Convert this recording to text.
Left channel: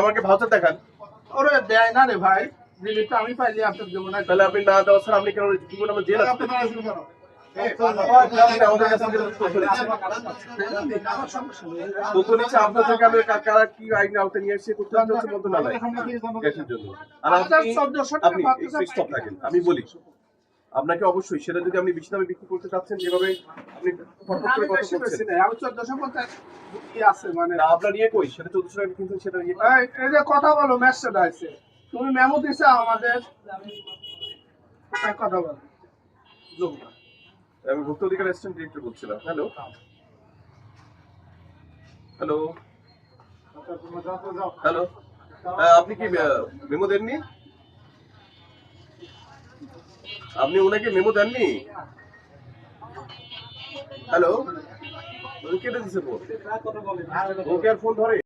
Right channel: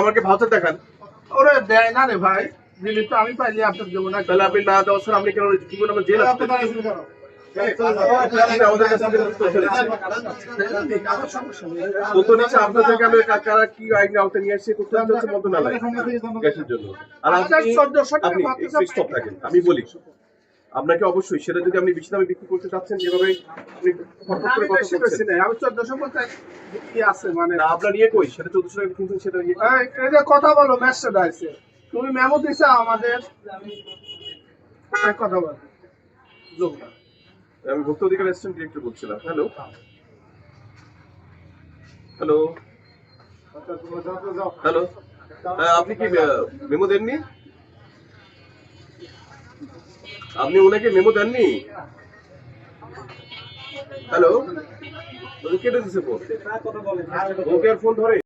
আমাকে ভাউচার দেখান। ওরে দেয় না রে ভাই, দিলে তো আমি পাইলে আপনার দেবো না। তাহলে আপনি না দেওয়া স্যার আপনি কেন জীবন আমার জেল আছে আমাদের কাছে তথ্য নিচ্ছে আপনার থেকে আমি কারা কি আইন আওতায় নিয়ে এসে করতে হচ্ছে মন্ত্রণালয় গ্যাসের জন্য। আর আপনি স্টপ থাকেন, আমি বলি আপনাকে অবশ্যই সেটা যদি আপনি বেশি দামে বিক্রি করতে চাচ্ছেন যেভাবে আপনি আমি 1450 কি আছে মানে আপনার ইয়ে কই সেটা 1400 টাকা কিনছেন সেটা এই যে কথা বলো মেসেজ আছে, তুমি মেমো দিছো আমাদের কথা বলো। আমি ভোক্তা অধিকার অ্যাসিস্ট্যান্ট ডিরেক্টর বলছিলাম। হ্যালো হ্যালো হ্যালো, আপনি কি মেমো দেননি? আপনি ওনাকে মেমো দেননি? হ্যালো, কেটে দিছে ফোন, ওকে আর ফোন ধরে